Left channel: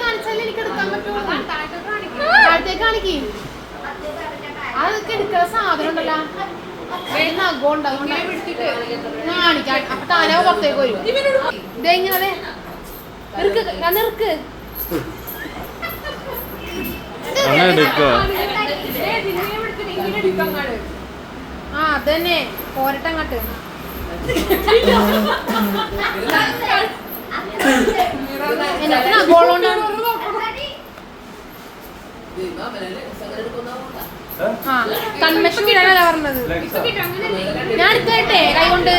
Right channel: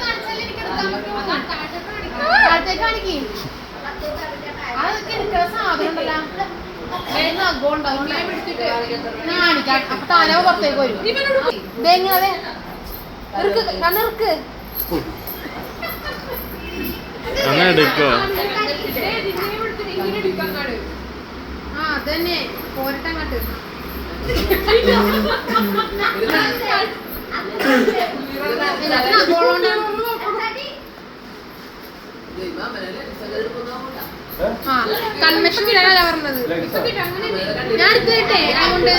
കാണിച്ചാലേ എനിക്ക് എടുക്കാൻ പറ്റുള്ളൂ. കാണിക്കേ അതൊക്കെ എടുക്കുന്ന സാധനം ഉണ്ടല്ലോ, നഖം ഉണ്ടാവും കാണിക്കാം. അപ്പൊ താനോ പുറത്തേക്ക് വരും. ഇതെങ്ങനെ ഇറുക്ക് കണ്ണിറുക്ക് ആ അതന്നെ പോരട്ടങ്ങട്ട് കൺവെൻഷൻ കിട്ടാനല്ല പറഞ്ഞത്. ഞാൻ എടുത്തേട്ടെ അതുകൊണ്ട്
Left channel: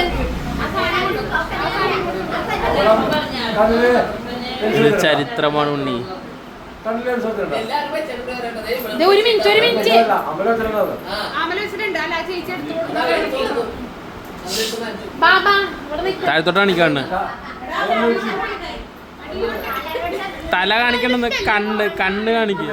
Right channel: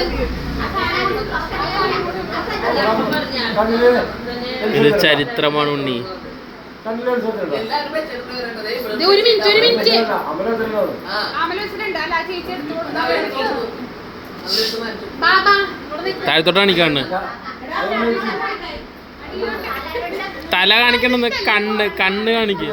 ഇത് ചരിത്രമാണ് ഉണ്ണി. ഒരു മിനിറ്റ് താഴത്തോട്ട് കാണിക്കാണ്, തല കാണിക്കണെന്ന്, കണ്ണ് കാണിക്ക.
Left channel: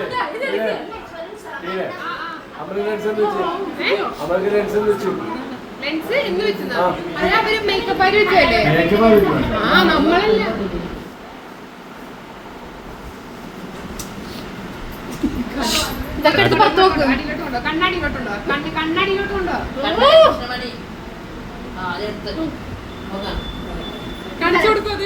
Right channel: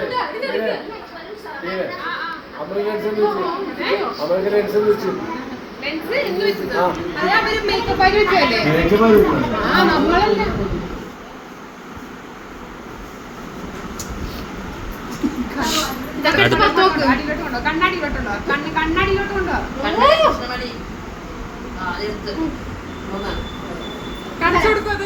കണ്ണാടിയിലോട്ടുണ്ടോ? കണ്ണാടിയിലോട്ടുണ്ടോ? കാണിച്ചു കൊടുക്കും.